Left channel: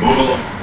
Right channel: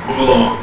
Move along.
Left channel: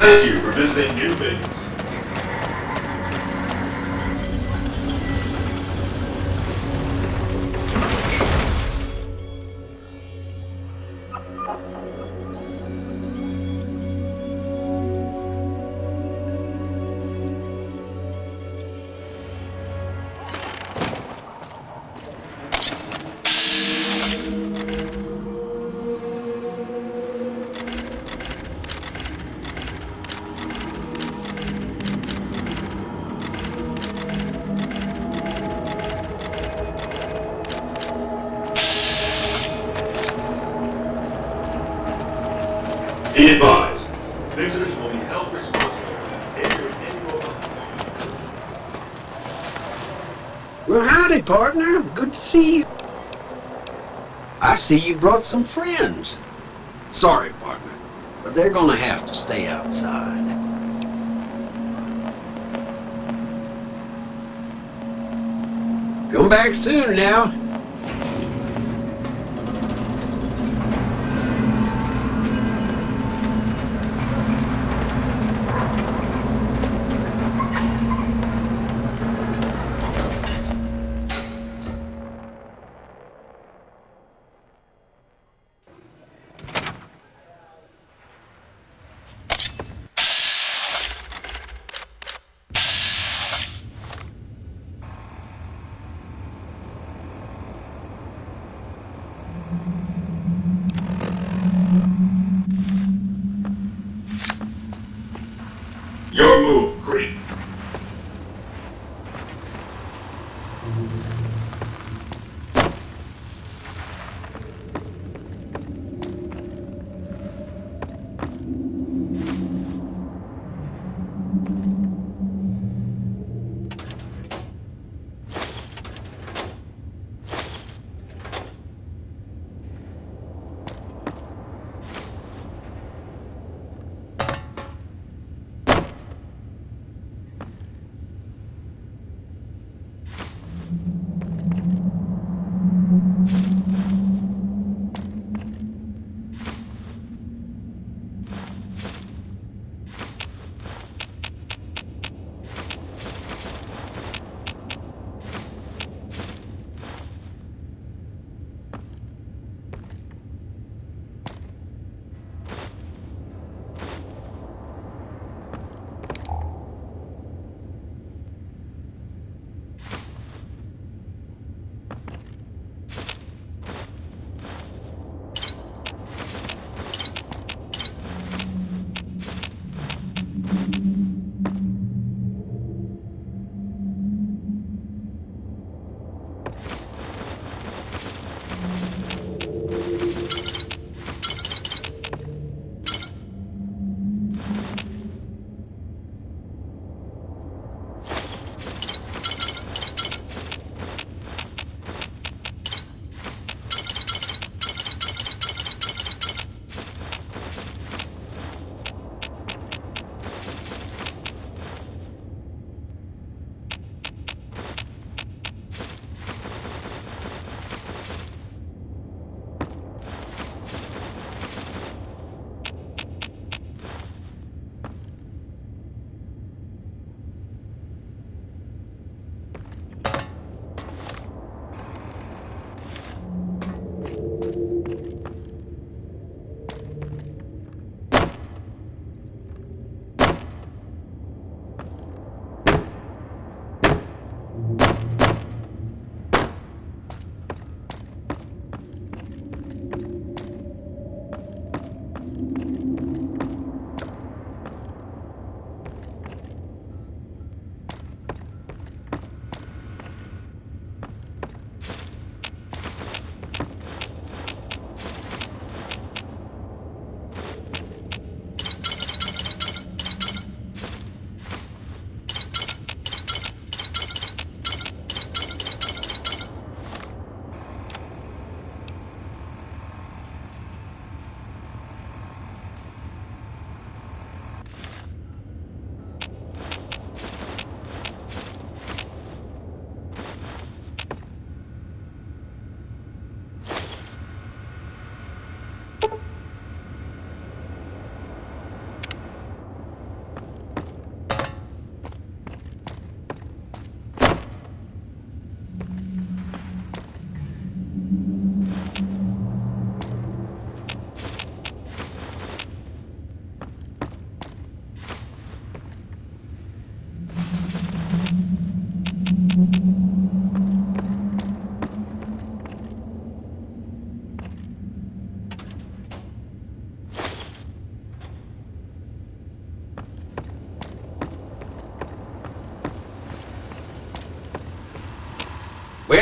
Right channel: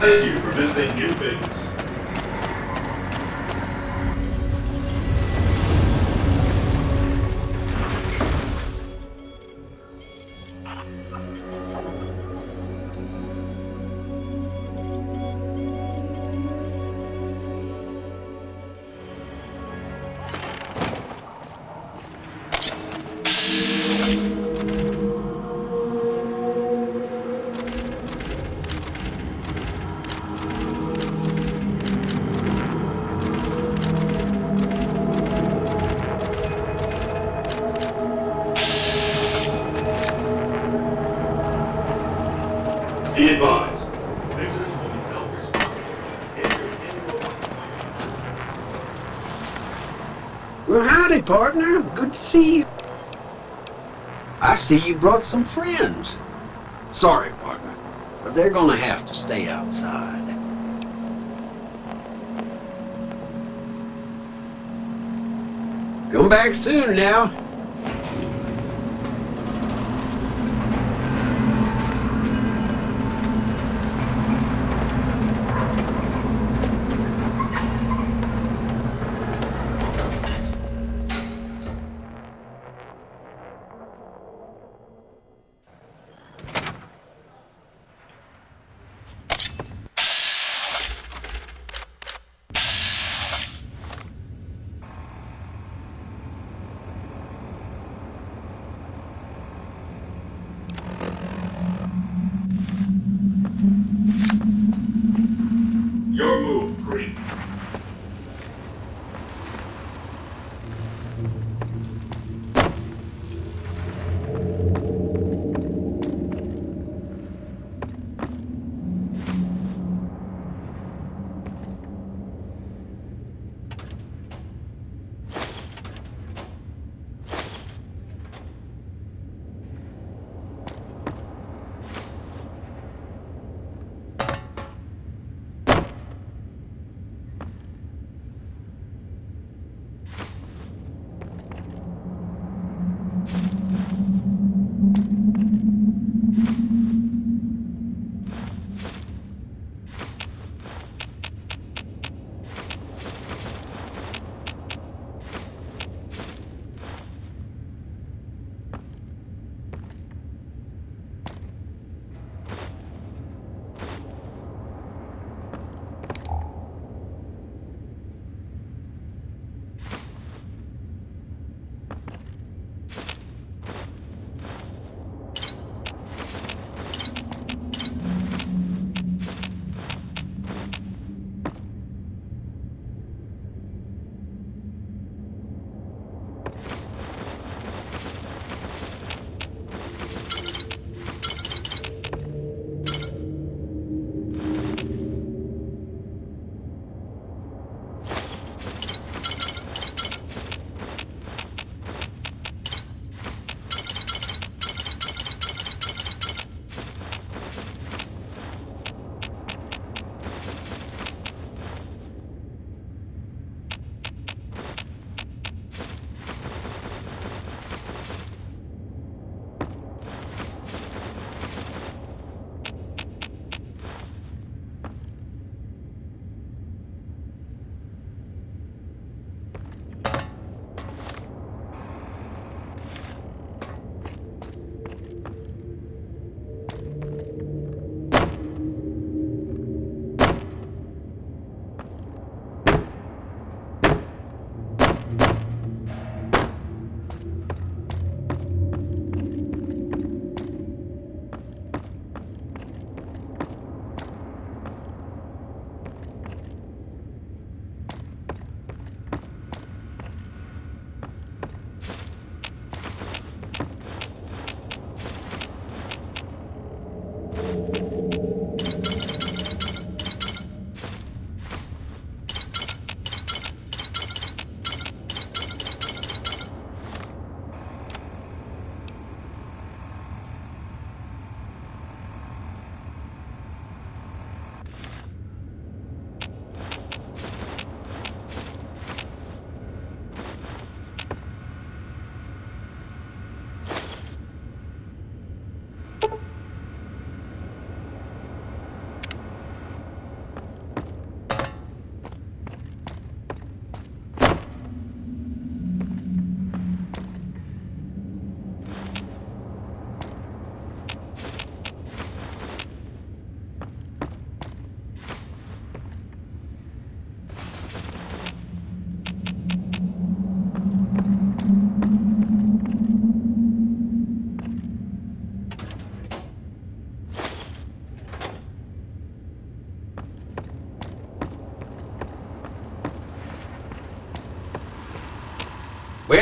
Thank you for visiting Airways. Be advised, visitors will be held responsible. Well, howdy, partner. Good to see you. I see you brought some friends. Sorry, partner, but they're gonna have to stay outside. Come back soon now.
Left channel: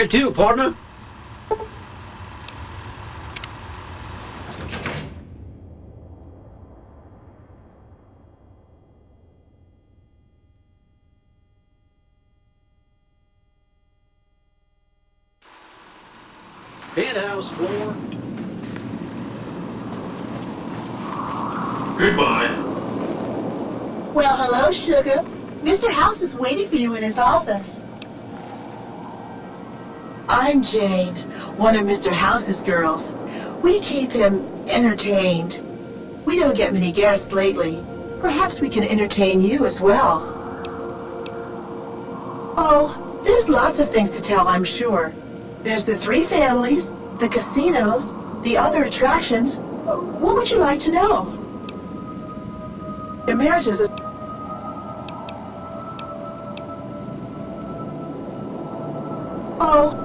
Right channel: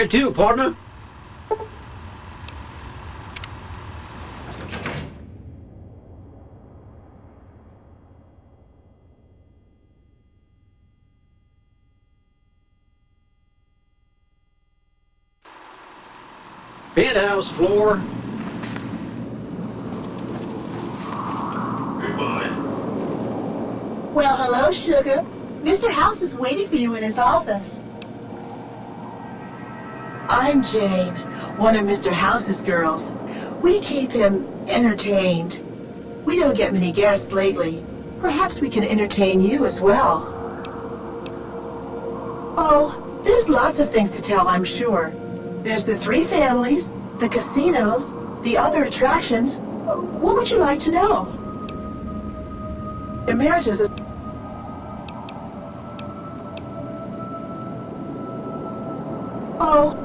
Where to, partner? Penthouse floor. Goodbye. Well, hello, Sugar. Mr. House is waiting for you in his office. I'm Jane, one of Mr. House's girls. We keep him entertained. We don't get many guests lately. Perhaps we can entertain you as well. Oh, there's lots of things to tell, I'm sure. There's the 3 families, the casinos, the other attractions. What would you like to know? Emeritus is... Oh,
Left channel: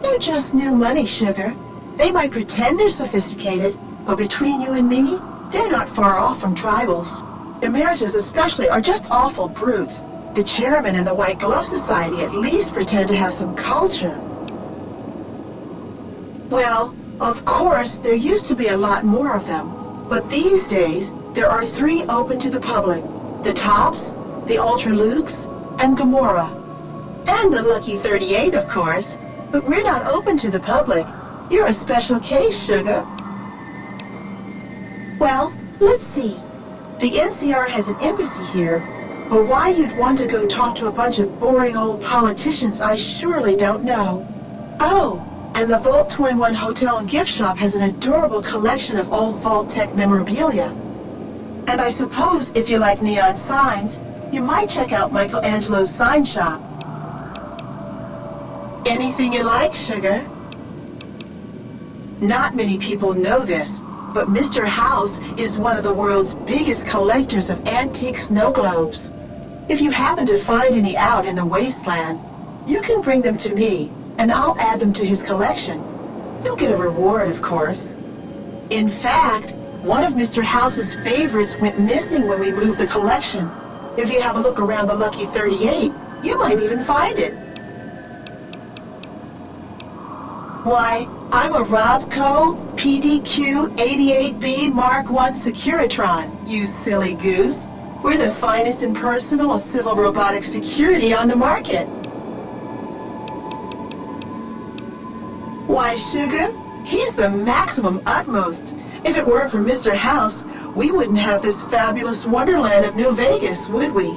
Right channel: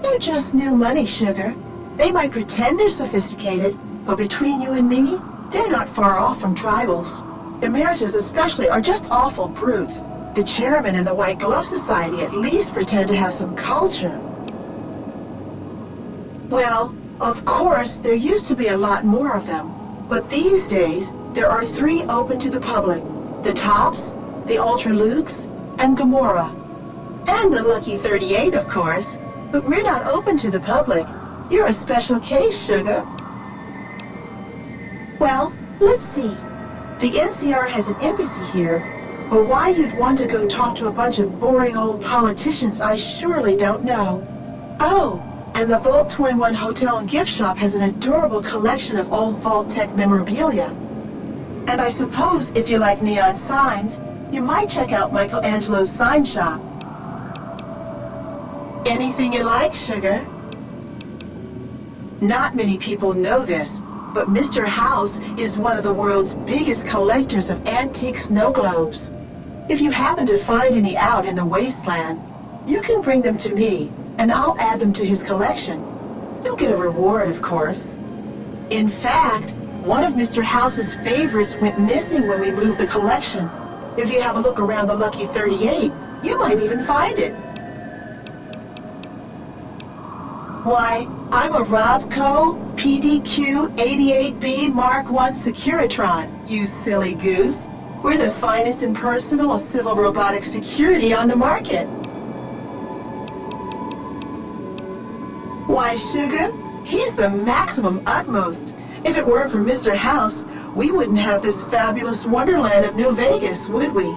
they're just new money, Sugar. They might pretend they're sophisticated, but between you and me, they're not far off from tribals. Emeritus especially are just awful brutes. The chairman and the White Glove Society at least pretend to have some culture. Well, of course, there used to be a lot more of them. But these days, there are 3 open to the public. The Tops, the Ultra Lukes, and Gamora. And the Lucky 38, of course. But we're not open to the public. You're a special case, Sugar. Well, let's see. The NCR has an embassy here, but why you'd want to go talk to a bunch of boring old politicians, I surely don't know. Oh, and the Vault 21 Hotel and Gift Shop has an adorable collection of old Vault-Tec memorabilia. And I suppose if you like neon signs, you might check out Michelangelo's sign shop. Anything you like, Sugar? Not many people know this, but Mr. House is one of the world's biggest collectors of antique snow globes. If you happen to find any out in the wasteland, you can bring them to me, and I'll add them to his collection. You'll get a reward, of course. In fact, one of Mr. House's favorites went missing when we moved the collection. If you have a look around the Lucky 38, you might even find it. Why, I'm a Robco PDQ 88B Mark I Securitron, you silly goose. We're the finest in personal civil robotic security on the market. Why, Sugar, he's the maximum utmost. If it weren't for Mr. House, we wouldn't have this fabulous wonderland of New Vegas, would we?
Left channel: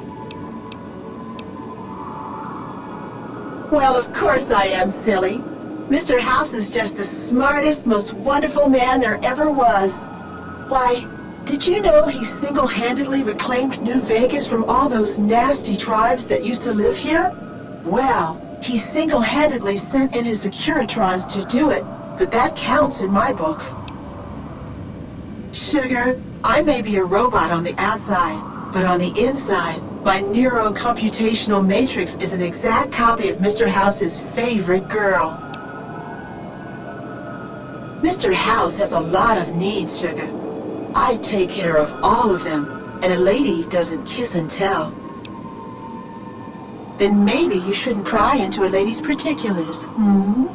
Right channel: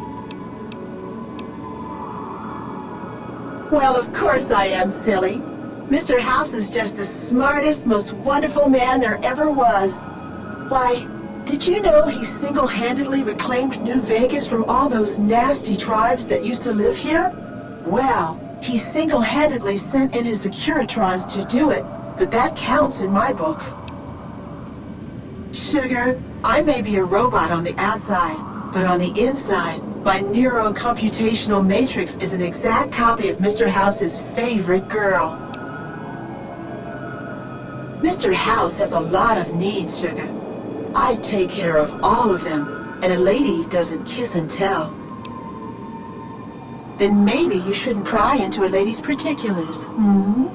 Well, of course I am, silly. Mr. House is just the smartest, most wonderful man there ever was. Why, did you know he single-handedly reclaimed New Vegas from all those nasty tribes that used to live here? Well, he single-handedly sent in his Securitrons to do it, but that counts in my book. Sugar, I may be a robot on the outside, but on the inside, my neurocomputational matrix is an exact copy of Mr. House's favorite girl. Mr. House has a lot of needs, Sugar. I take care of all of them, and a lady doesn't kiss and tell. Then maybe you shouldn't pry into a lady's particulars, hmm?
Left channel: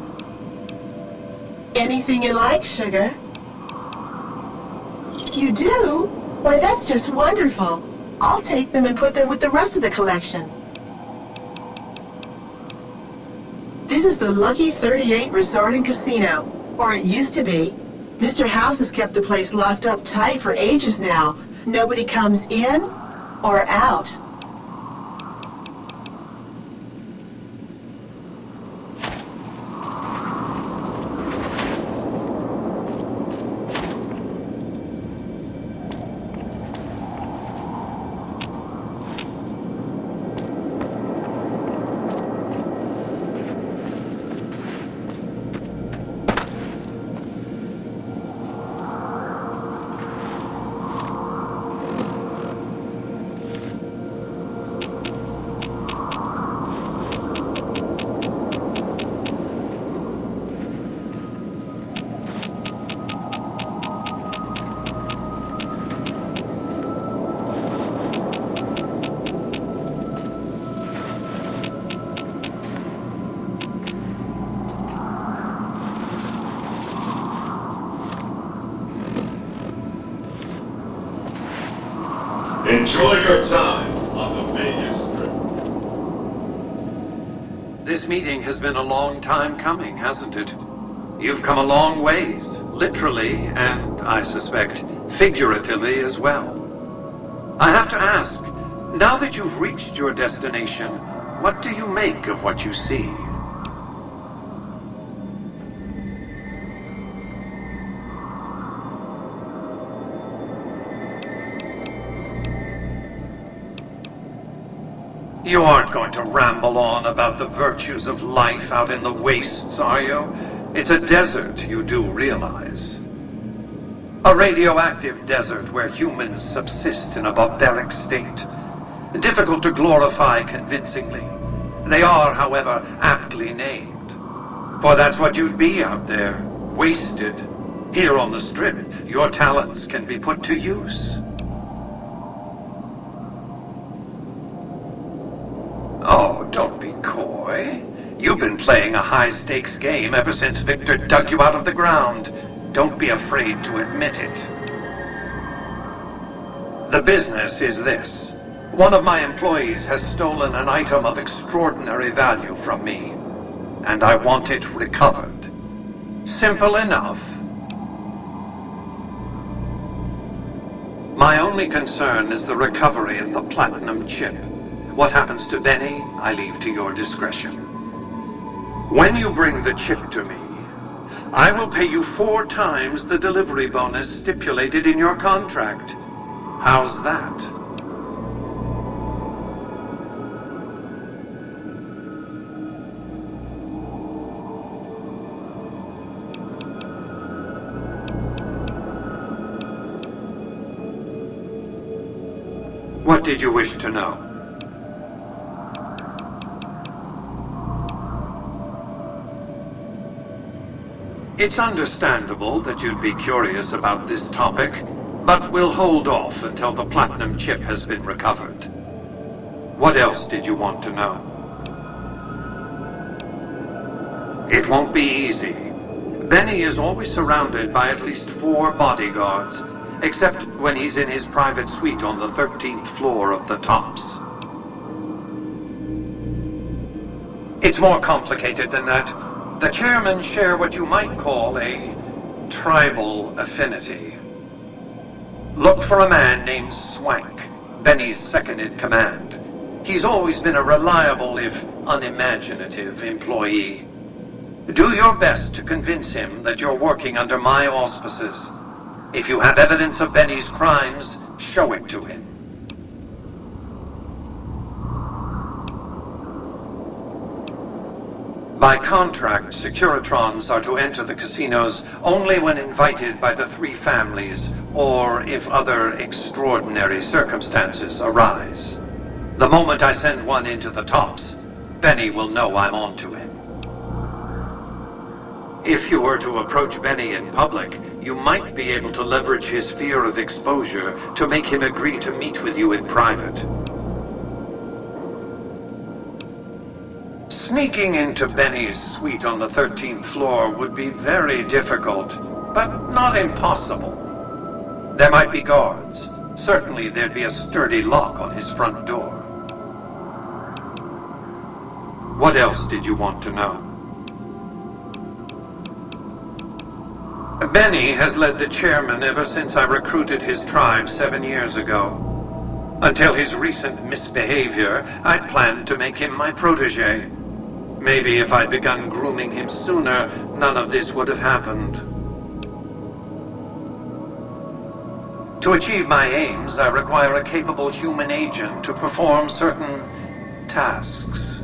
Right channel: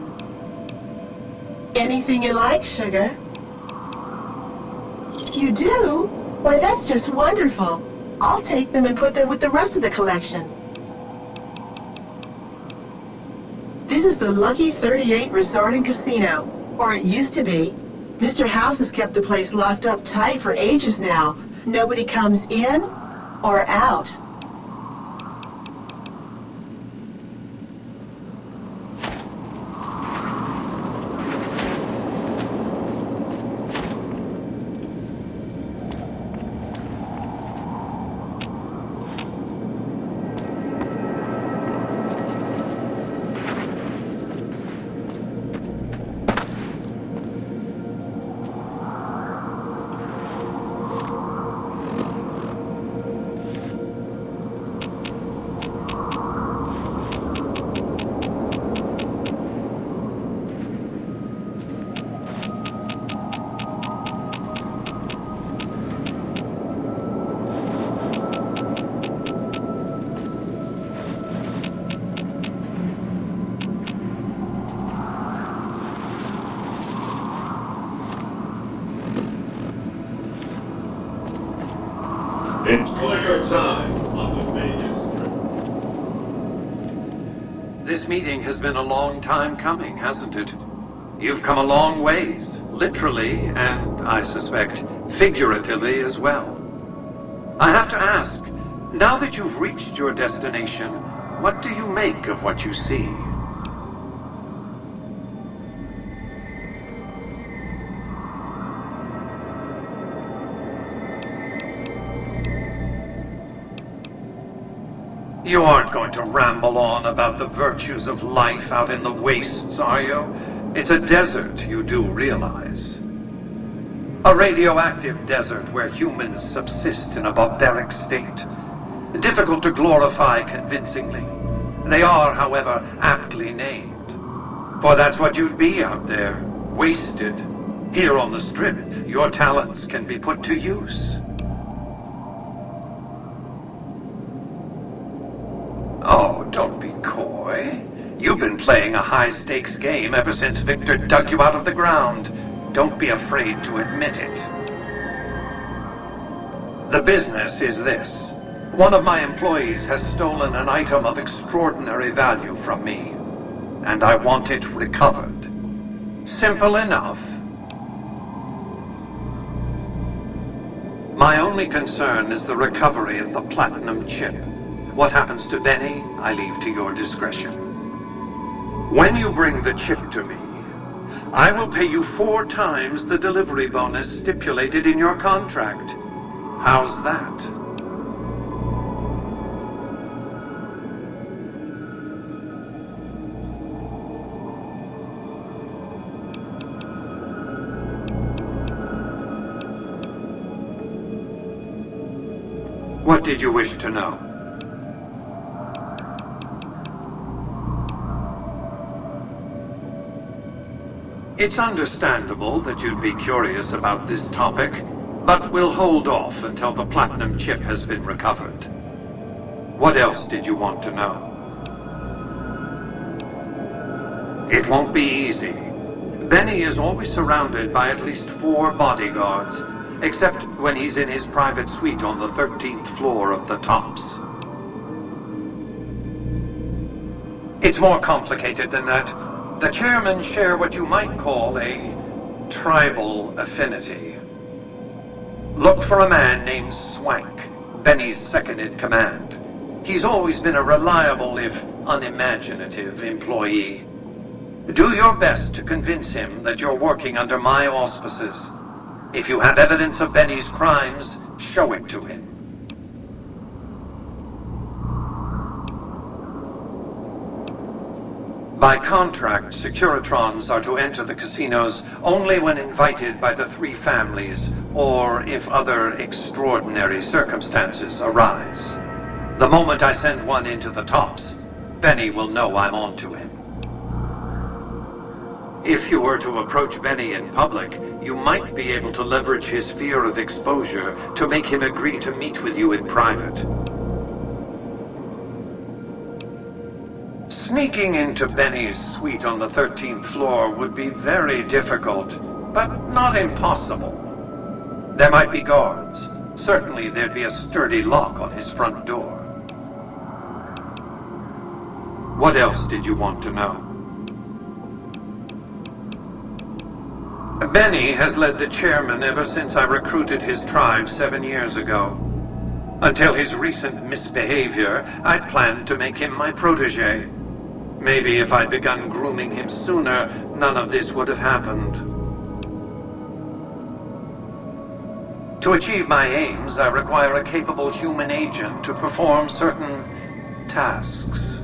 Anything you like, Sugar? You do? Why, that's just wonderful. I'll take them and put them with the rest of the collection. This is the Lucky 38 Resort and Casino. Or it used to be. Mr. House has kept the place locked up tight for ages now. Nobody comes in or out. Enjoy your time on the base. This meeting has been a long time coming, hasn't it? You've come a long ways, literally, and I suspect figuratively as well. I have to ask, now that you've reached your destination, what do you make of what you see? You aren't going to ramble on about the virtues of life out in the wastes, are you? It's a desert, you do realize. A radioactive desert where humans subsist in a barbaric state. Difficult to glorify convincingly. They are, however, aptly named. For that's what you'd be out there, wasted. Here on the Strip, your talents can be put to use. Oh, don't be coy. You've been playing a high-stakes game ever since Victor dug you out of the ground. Don't be afraid to admit it. The business is this. One of my employees has stolen an item of extraordinary value from me, and I want it recovered. Simple enough. My only concern is the recovery of the platinum chip. What happens to Benny, I leave to your discretion. When you bring the chip to me, I will pay you 4 times the delivery bonus stipulated in your contract. How's that? What did you wish to know? It's understandable that you'd be curious about this topic, but we'll hold off until the platinum chip has been recovered. What else did you want to know? It won't be easy. Benny is always surrounded by at least 4 bodyguards, except when he's in his private suite on the 13th floor of the Tops. It's more complicated than that. The chairmen share what you might call a tribal affinity. Look for a man named Swank, Benny's second-in-command. He's always been a reliable, if unimaginative, employee. Do your best to convince him that you're working under my auspices. If you have evidence of Benny's crimes, show it to him. By contract, Securitrons are to enter the casinos only when invited by the 3 families, or if other extraordinary circumstances arise. The moment I send one into the Tops, Benny will know I'm on to him. If you were to approach Benny in public, you might be able to leverage his fear of exposure to make him agree to meet with you in private. Sneaking into Benny's suite on the 13th floor would be very difficult, but not impossible. There might be guards. Certainly there'd be a sturdy lock on his front door. What else did you want to know? Benny has led the chairman ever since I recruited his tribe 7 years ago. Until his recent misbehavior, I'd planned to make him my protege. Maybe if I'd begun grooming him sooner, none of this would have happened. To achieve my aims, I require a capable human agent to perform certain tasks.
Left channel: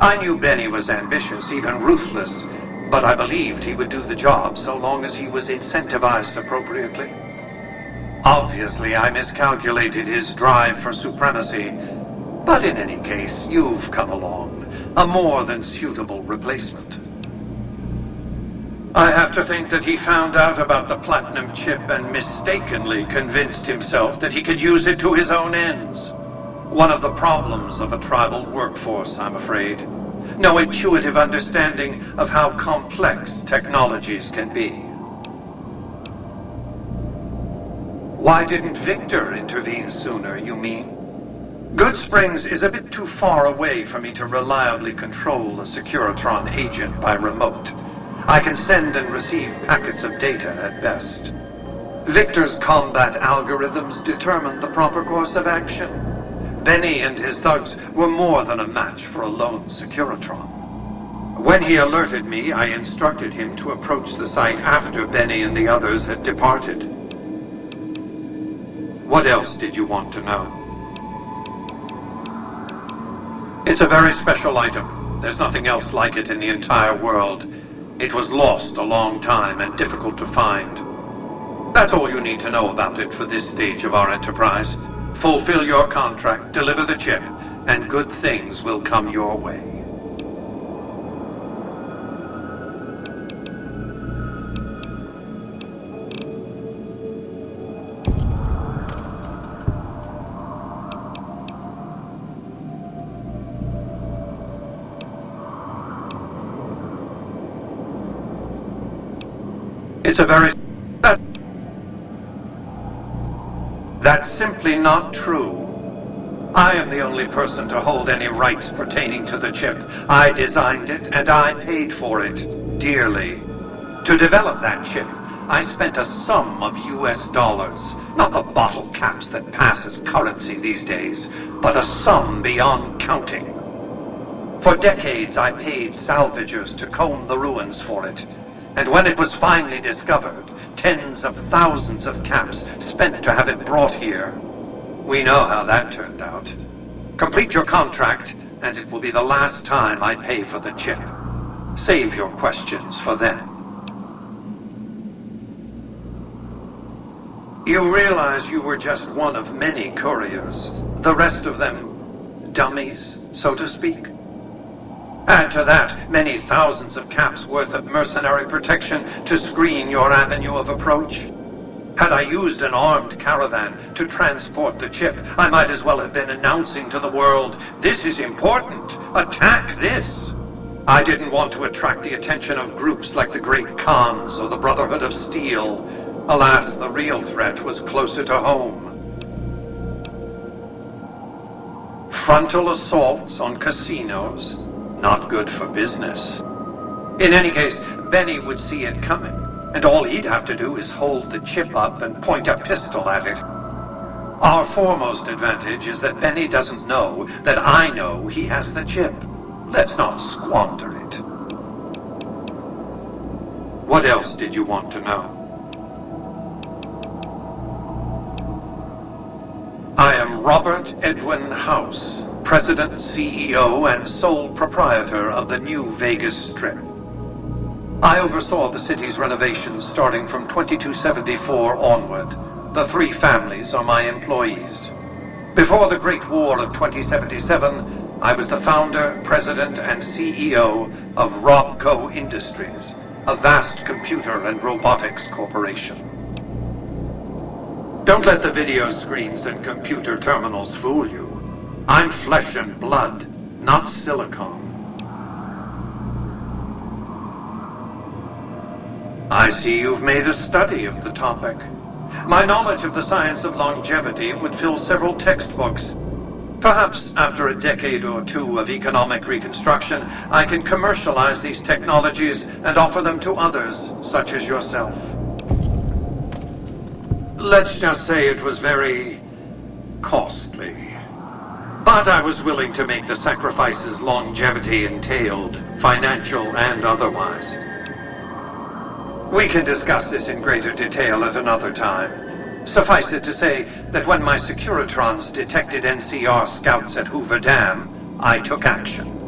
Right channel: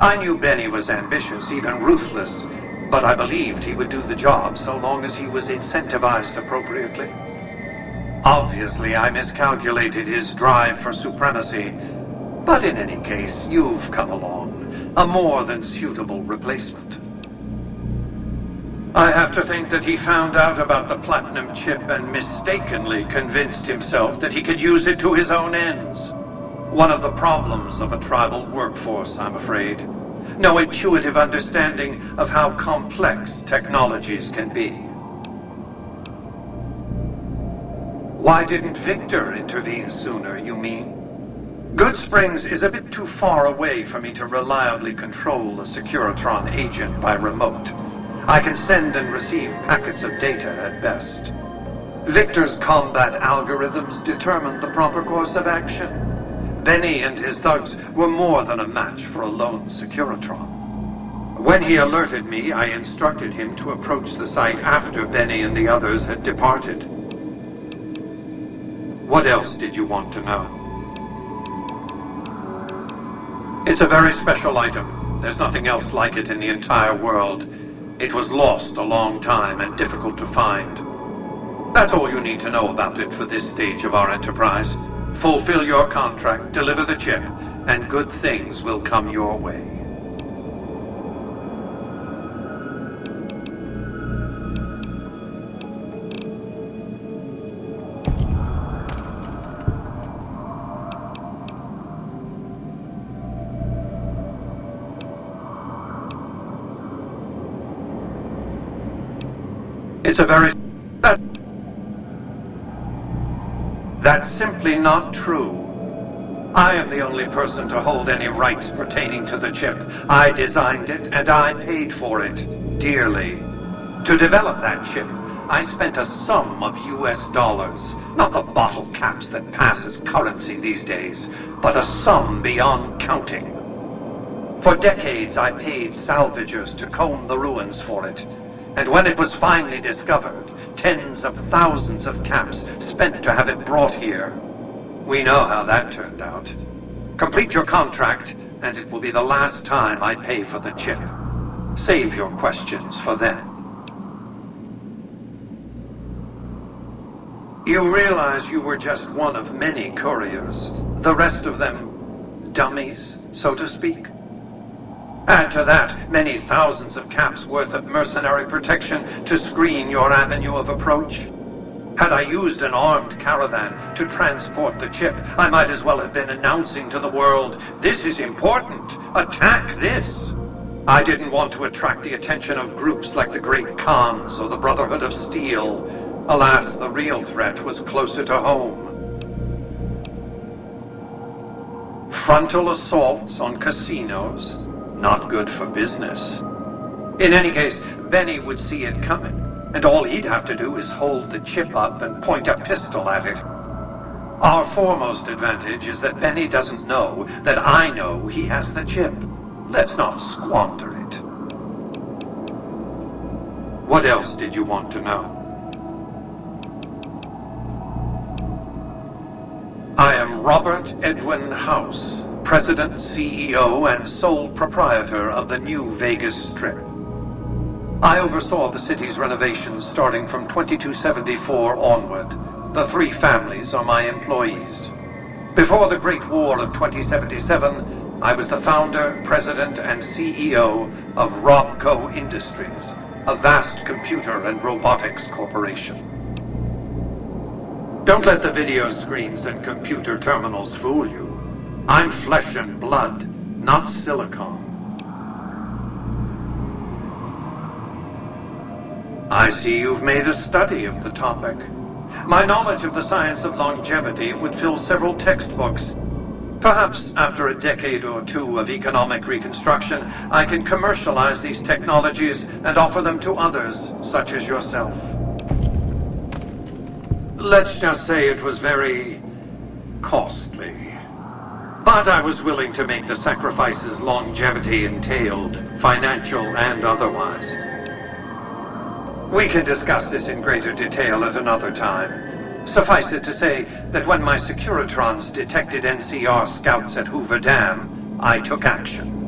I knew Benny was ambitious, even ruthless, but I believed he would do the job so long as he was incentivized appropriately. Obviously, I miscalculated his drive for supremacy, but in any case, you've come along. A more than suitable replacement. I have to think that he found out about the platinum chip and mistakenly convinced himself that he could use it to his own ends. One of the problems of a tribal workforce, I'm afraid. No intuitive understanding of how complex technologies can be. Why didn't Victor intervene sooner, you mean? Goodsprings is a bit too far away for me to reliably control a Securitron agent by remote. I can send and receive packets of data at best. Victor's combat algorithms determined the proper course of action. Benny and his thugs were more than a match for a lone Securitron. When he alerted me, I instructed him to approach the site after Benny and the others had departed. What else did you want to know? It's a very special item. There's nothing else like it in the entire world. It was lost a long time and difficult to find. That's all you need to know about it for this stage of our enterprise. Fulfill your contract, deliver the chip, and good things will come your way. It's a very... That's simply not true. I am the only person to hold any rights pertaining to the chip. I designed it, and I paid for it, dearly. To develop that chip, I spent a sum of US dollars. Not the bottle caps that pass as currency these days, but a sum beyond counting. For decades, I paid salvagers to comb the ruins for it. And when it was finally discovered, tens of thousands of caps spent to have it brought here. We know how that turned out. Complete your contract, and it will be the last time I pay for the chip. Save your questions for then. You realize you were just one of many couriers. The rest of them, dummies, so to speak? Add to that many thousands of caps worth of mercenary protection to screen your avenue of approach. Had I used an armed caravan to transport the chip, I might as well have been announcing to the world, "This is important! Attack this!" I didn't want to attract the attention of groups like the Great Khans or the Brotherhood of Steel. Alas, the real threat was closer to home. Frontal assaults on casinos? Not good for business. In any case, Benny would see it coming, and all he'd have to do is hold the chip up and point a pistol at it. Our foremost advantage is that Benny doesn't know that I know he has the chip. Let's not squander it. What else did you want to know? I am Robert Edwin House, President, CEO, and sole proprietor of the New Vegas Strip. I oversaw the city's renovations starting from 2274 onward. The three families are my employees. Before the Great War of 2077, I was the founder, president, and CEO of Robco Industries, a vast computer and robotics corporation. Don't let the video screens and computer terminals fool you. I'm flesh and blood, not silicon. I see you've made a study of the topic. My knowledge of the science of longevity would fill several textbooks. Perhaps after a decade or two of economic reconstruction, I can commercialize these technologies and offer them to others, such as yourself. Let's just say it was very costly. But I was willing to make the sacrifices longevity entailed, financial and otherwise. We can discuss this in greater detail at another time. Suffice it to say that when my Securitrons detected NCR scouts at Hoover Dam, I took action.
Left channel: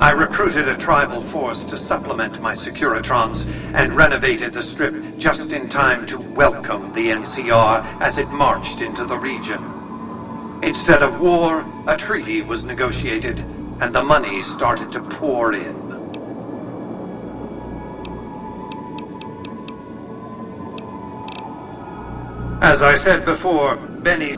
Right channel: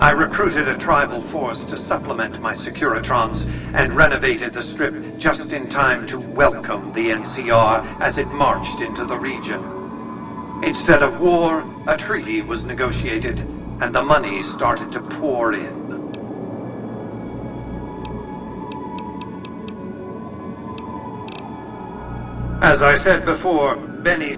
I recruited a tribal force to supplement my Securitrons and renovated the Strip just in time to welcome the NCR as it marched into the region. Instead of war, a treaty was negotiated, and the money started to pour in. As I said before, Benny...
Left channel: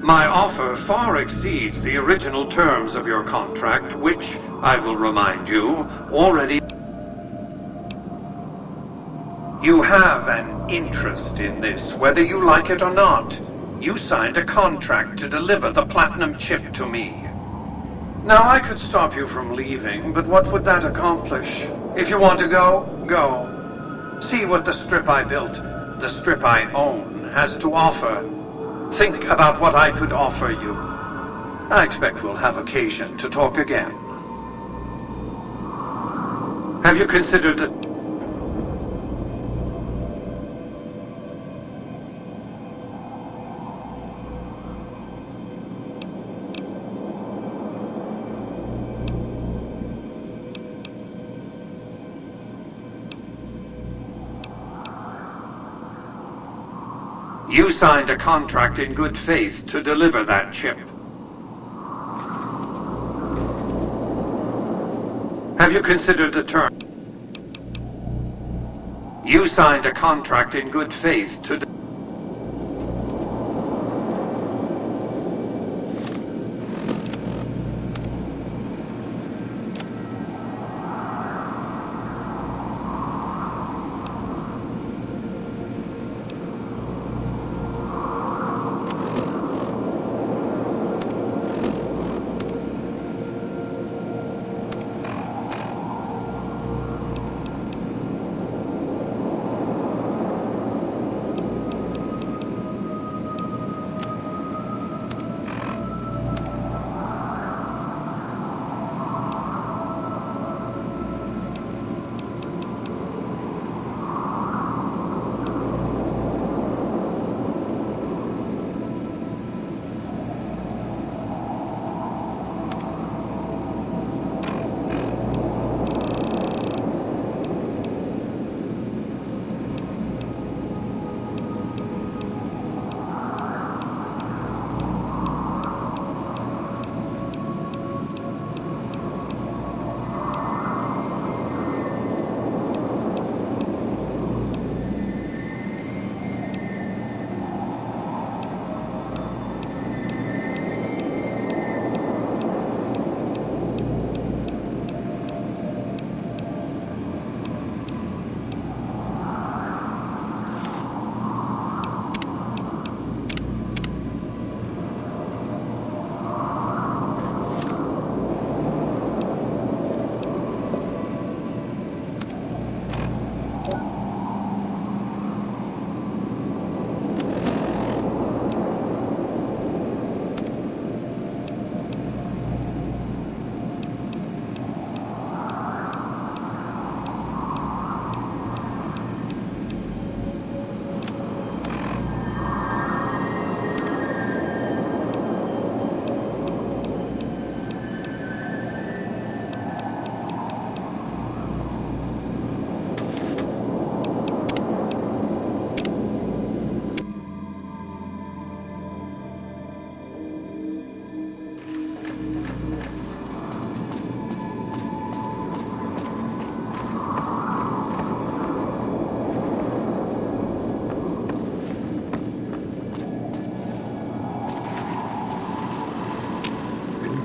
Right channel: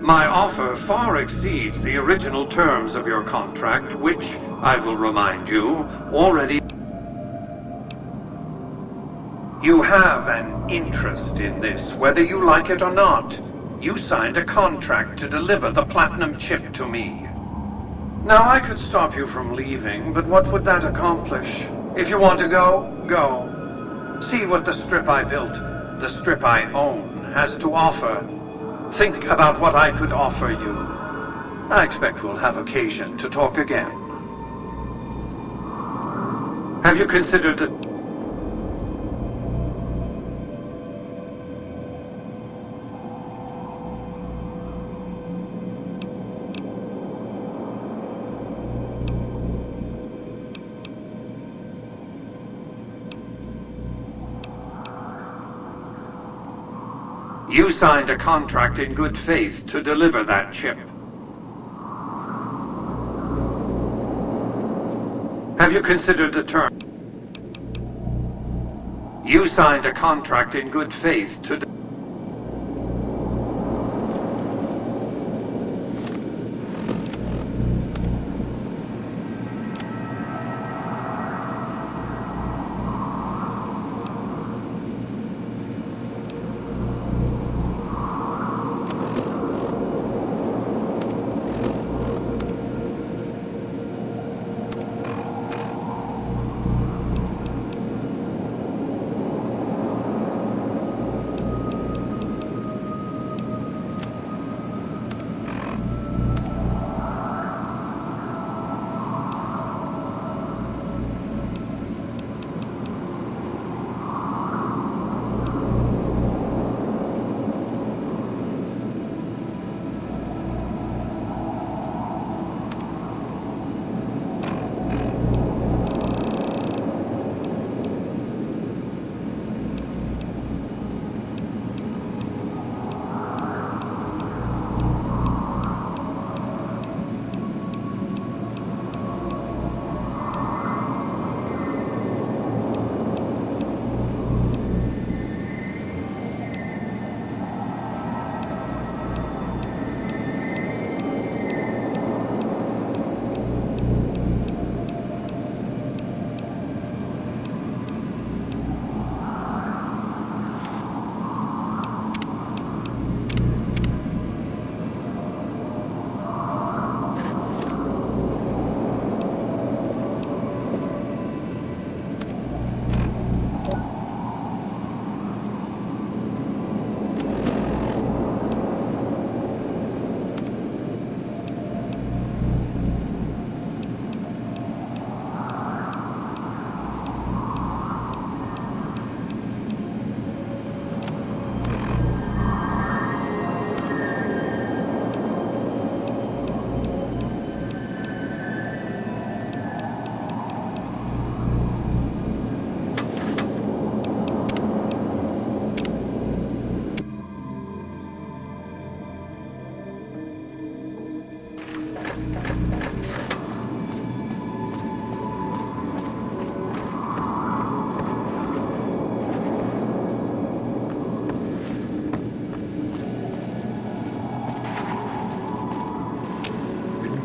My offer far exceeds the original terms of your contract, which, I will remind you, already... You have an interest in this, whether you like it or not. You signed a contract to deliver the platinum chip to me. Now, I could stop you from leaving, but what would that accomplish? If you want to go, go. See what the strip I built, the strip I own, has to offer. Think about what I could offer you. I expect we'll have occasion to talk again. Have you considered the... You signed a contract in good faith to deliver that chip. Have you considered the term? You signed a contract in good faith to...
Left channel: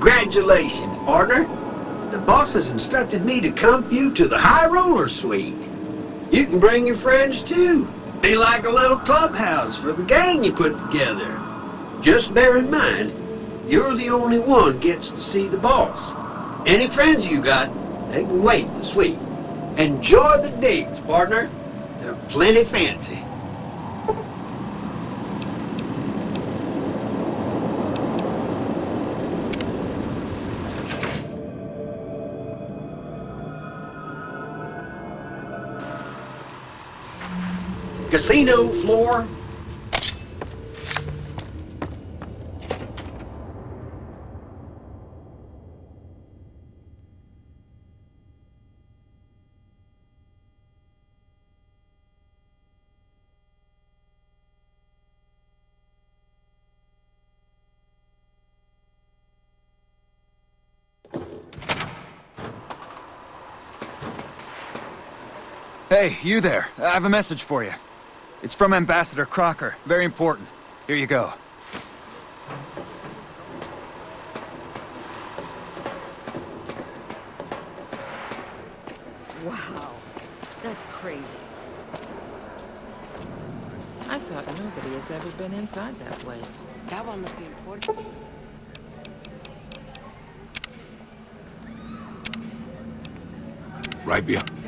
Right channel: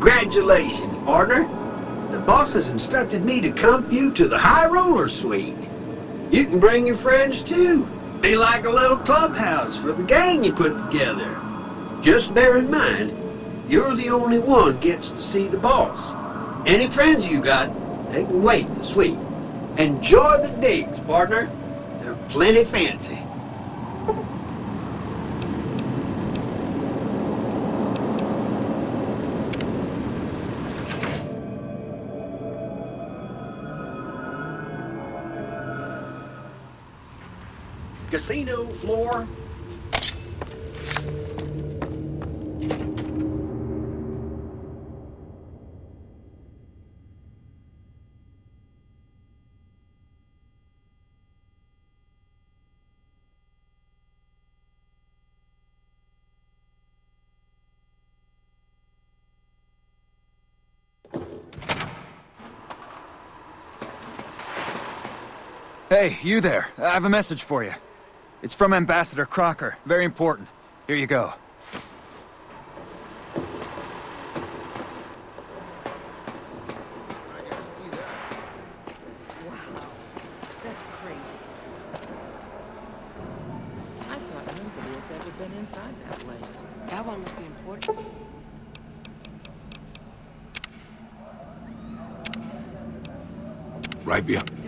Congratulations, partner. The boss has instructed me to comp you to the High Roller Suite. You can bring your friends too. Be like a little clubhouse for the gang you put together. Just bear in mind, you're the only one gets to see the boss. Any friends you got, they can wait in the suite. Enjoy the digs, partner. They're plenty fancy. Casino floor. Hey, you there. I have a message for you. It's from Ambassador Crocker. Very important. Here you go. Right behind.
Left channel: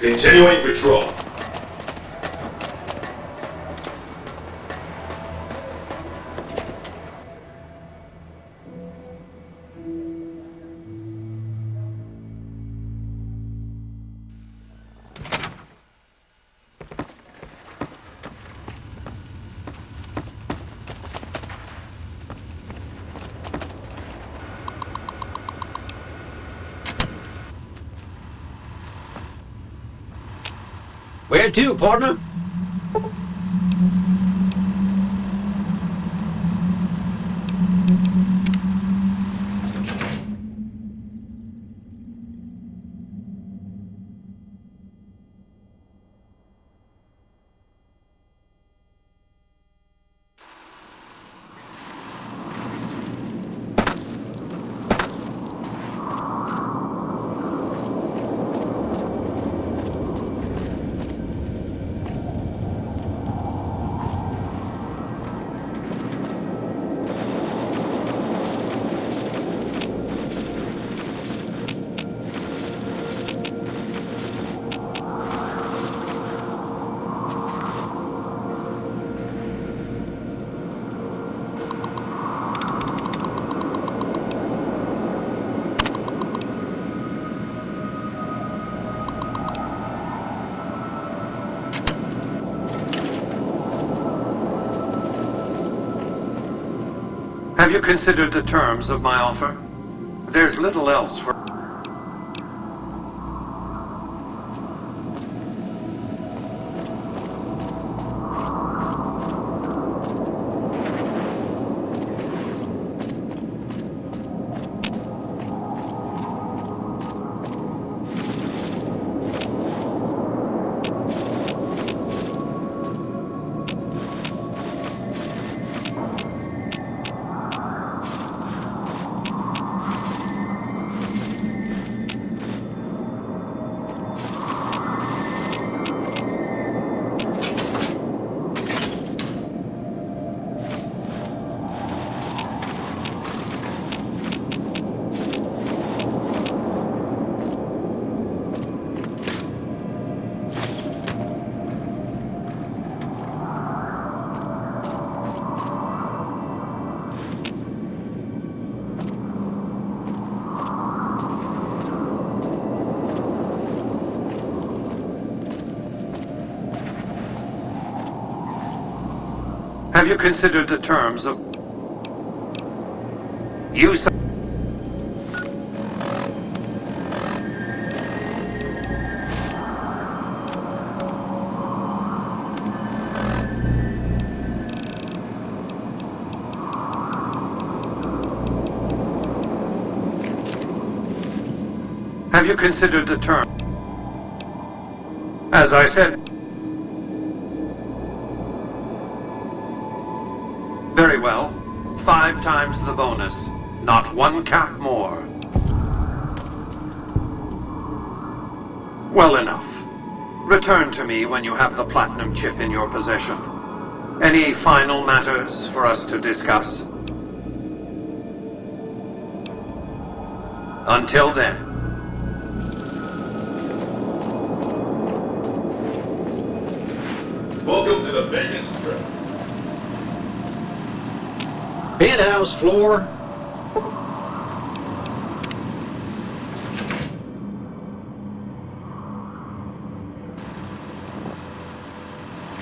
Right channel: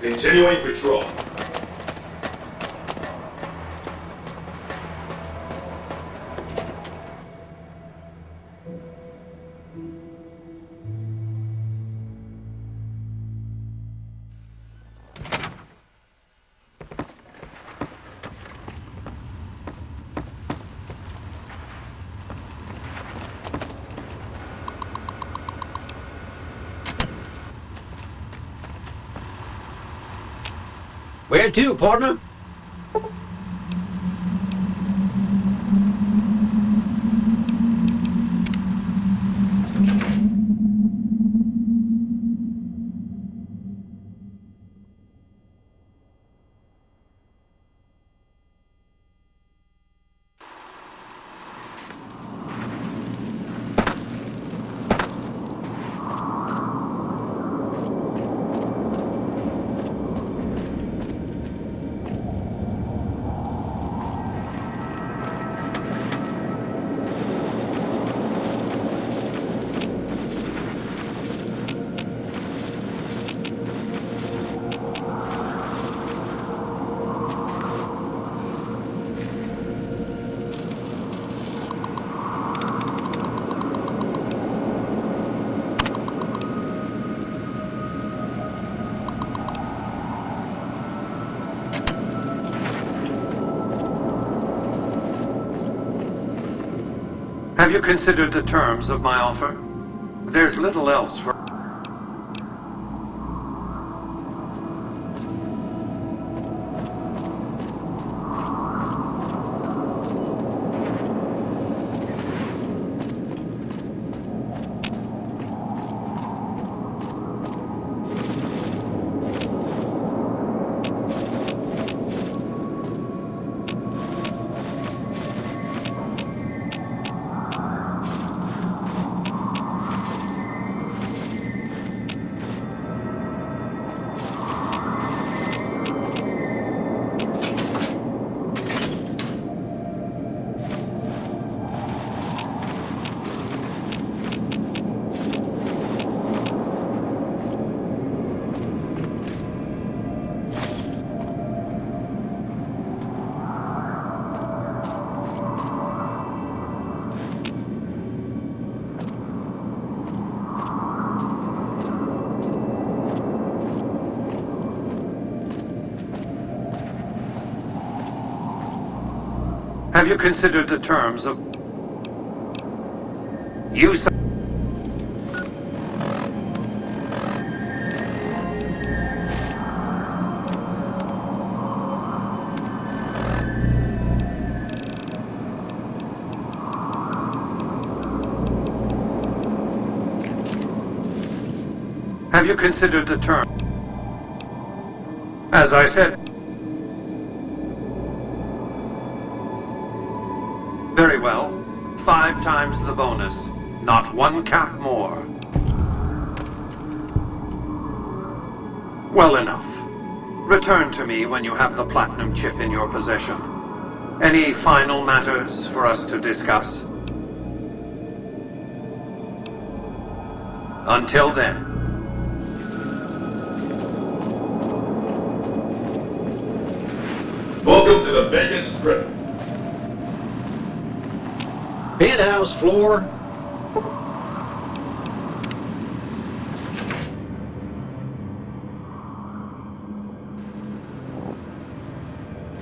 Continuing patrol. Where to, partner? Have you considered the terms of my offer? There's little else for... Have you considered the terms of... You... Have you considered the term? As I said... Very well. 5 times the bonus. Not 1 cap more. Well enough. Return to me when you have the platinum chip in your possession. Any final matters for us to discuss? Until then. Welcome to the Vegas Strip. Penthouse floor.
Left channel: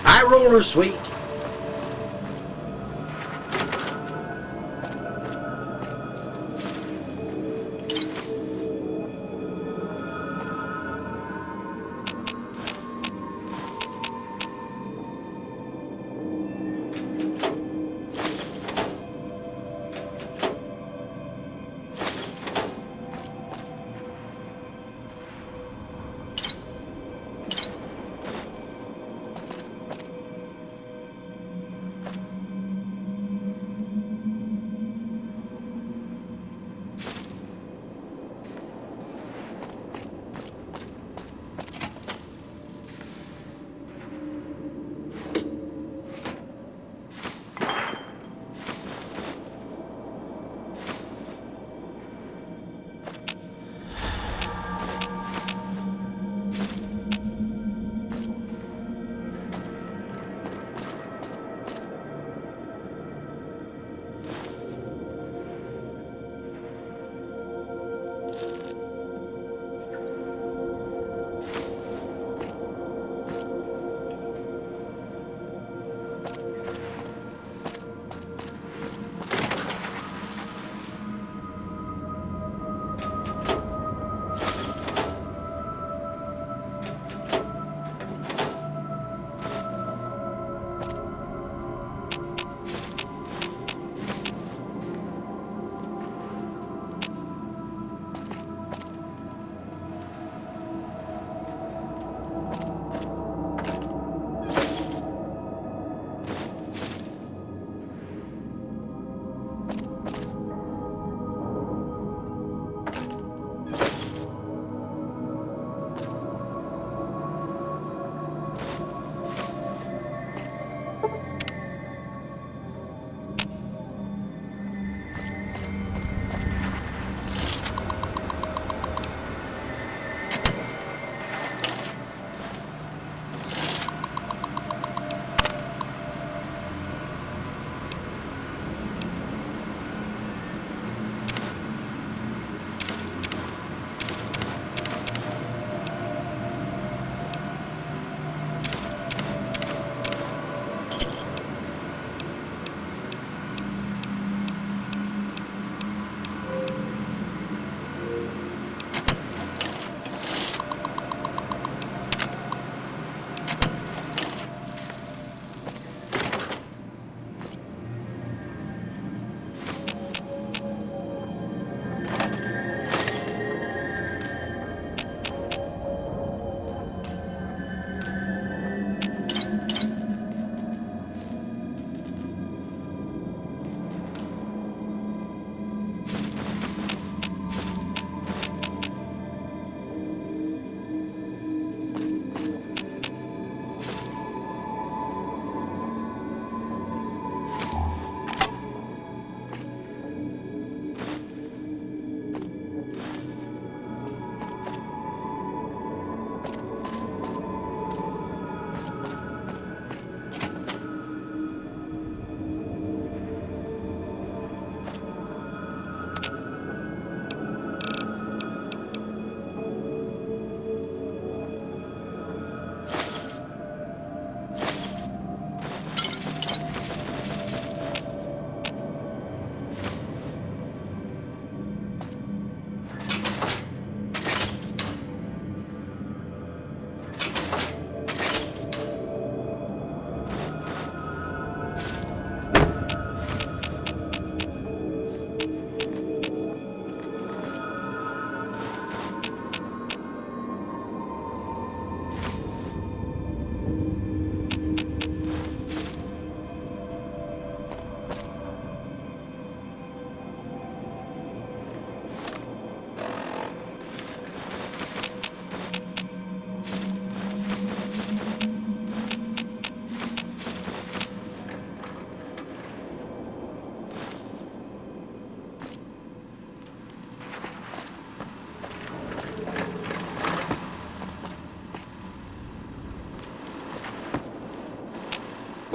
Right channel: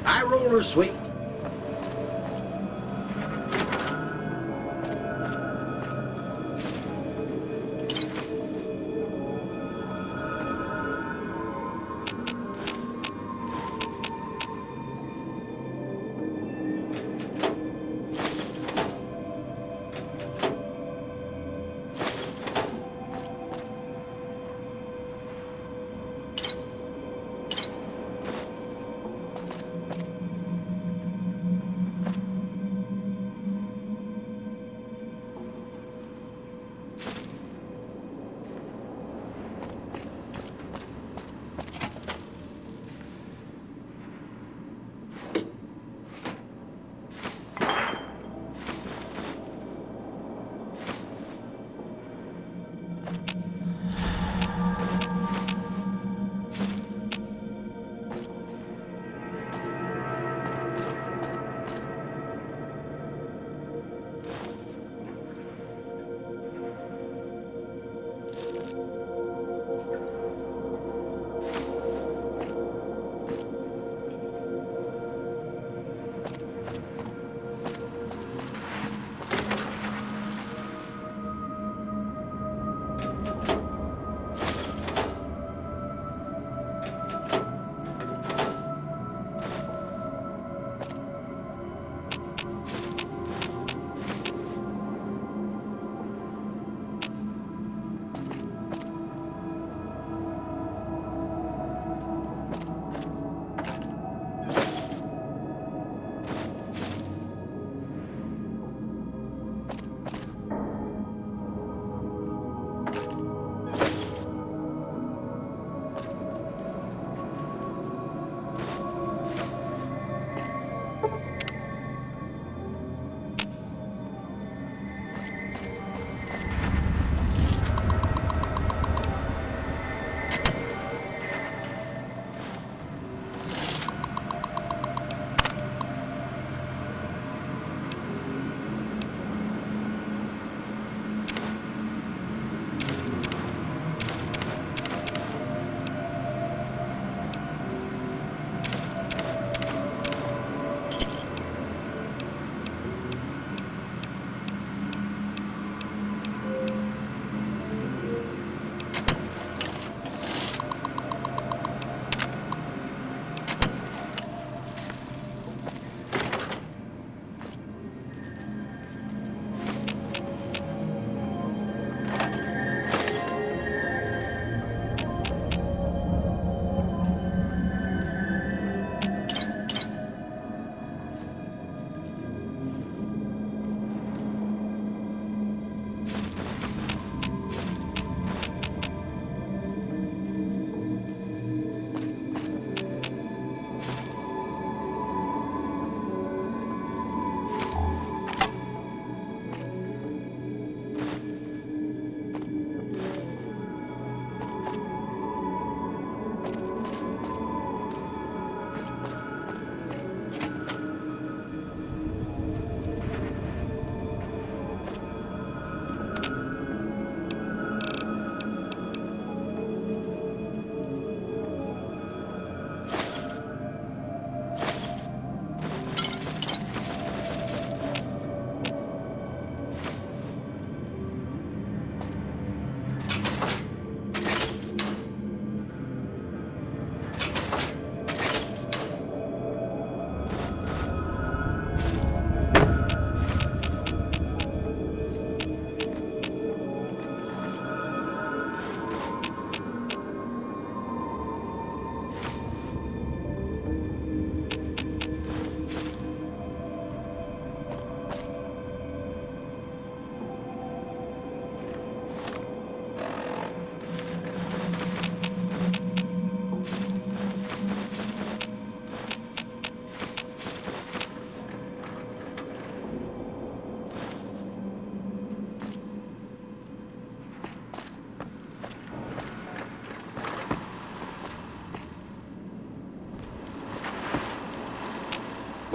High roller suite.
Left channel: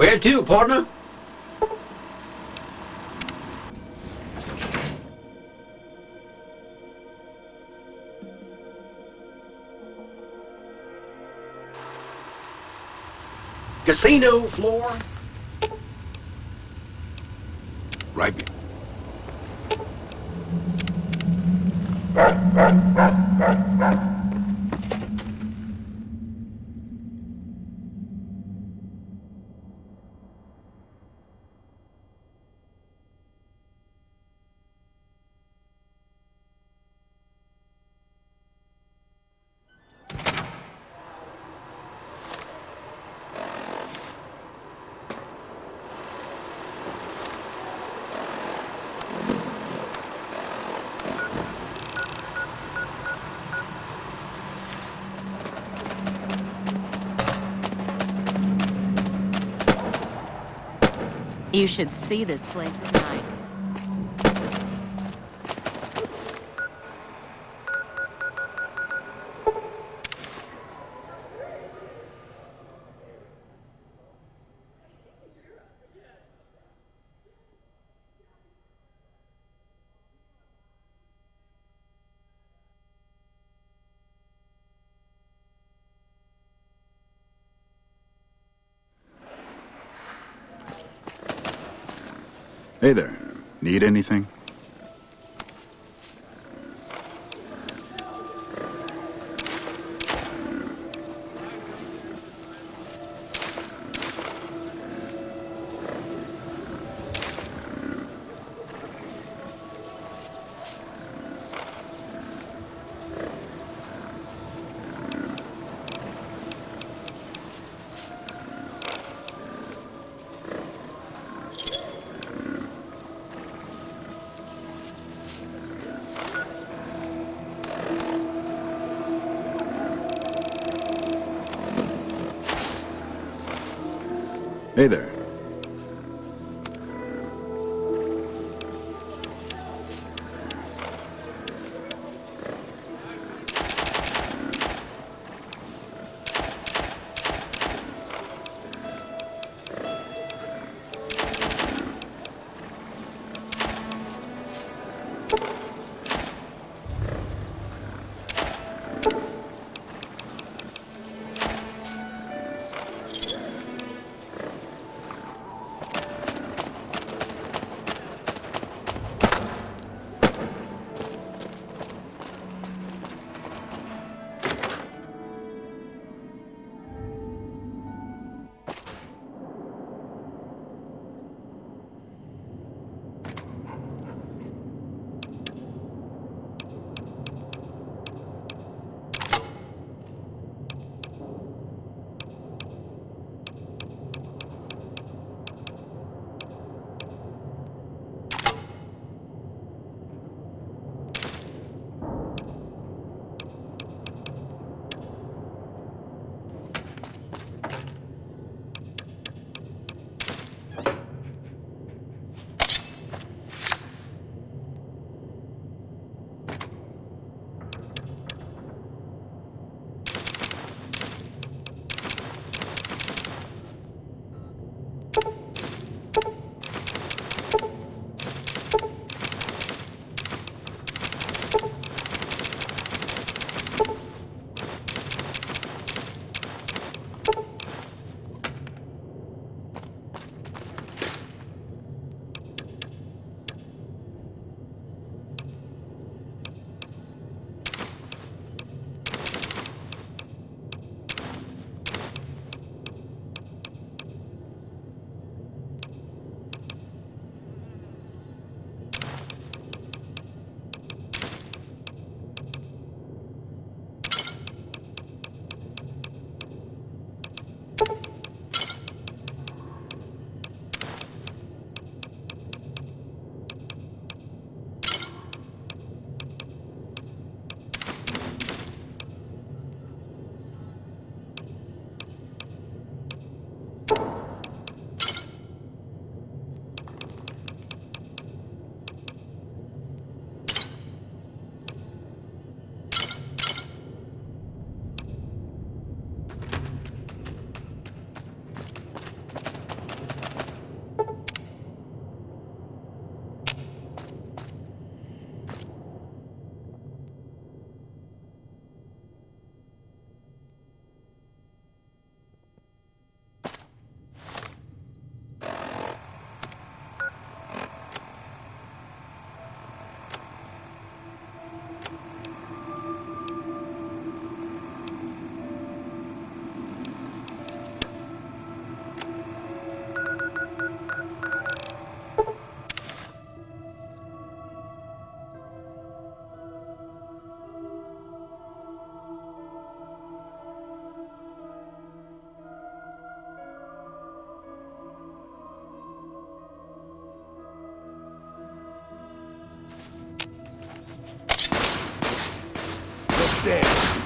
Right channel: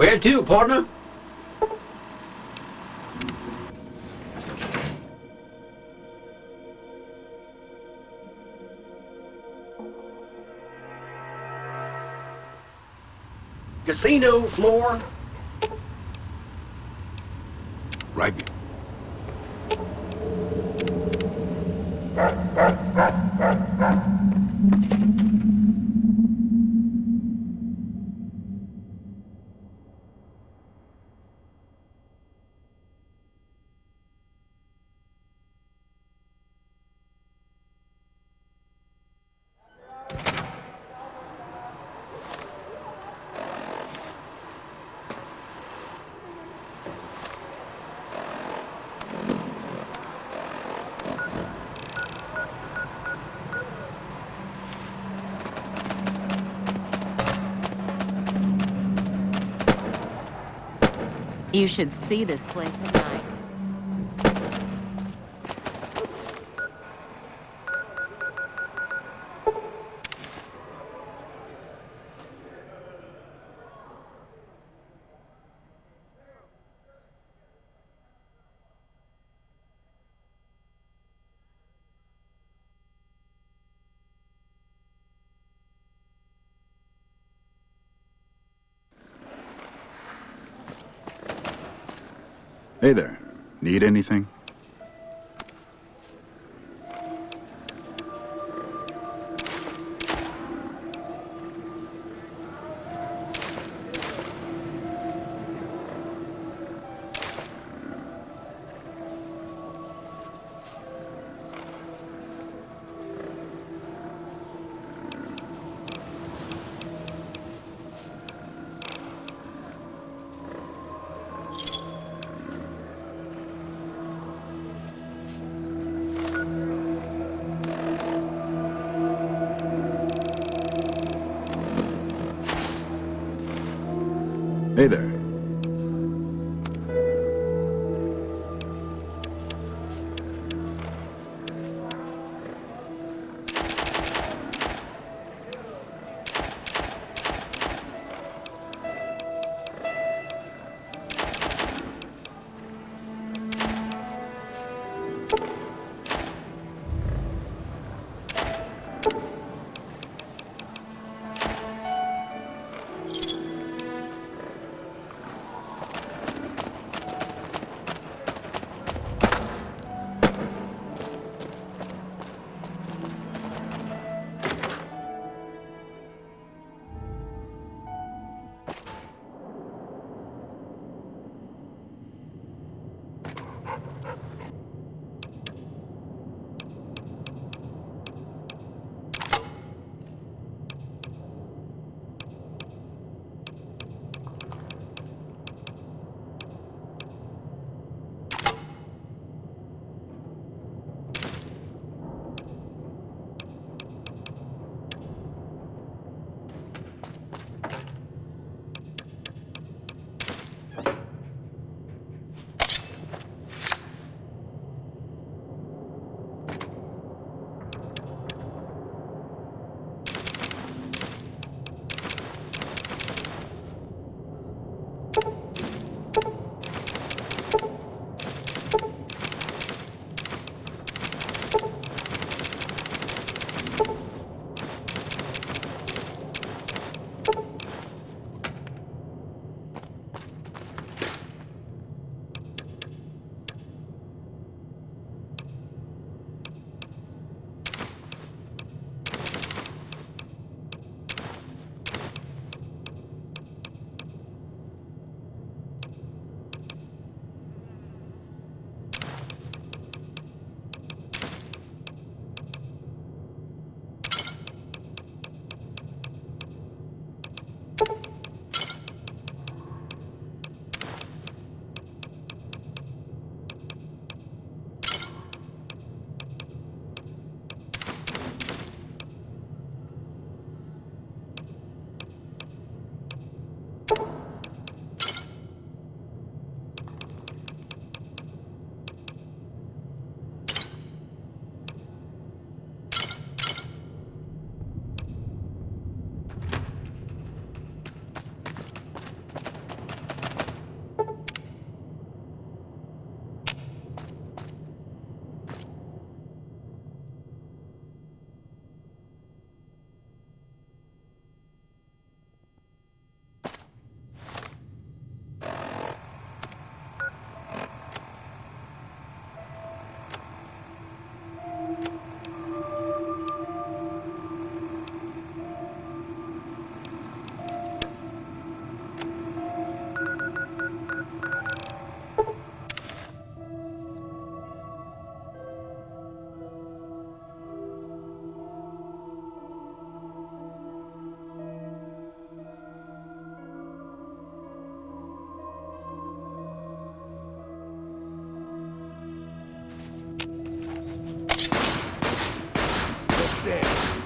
Where to, partner? Casino floor. Right. You should see this place. Hey there. Need anything? Hey there. understand.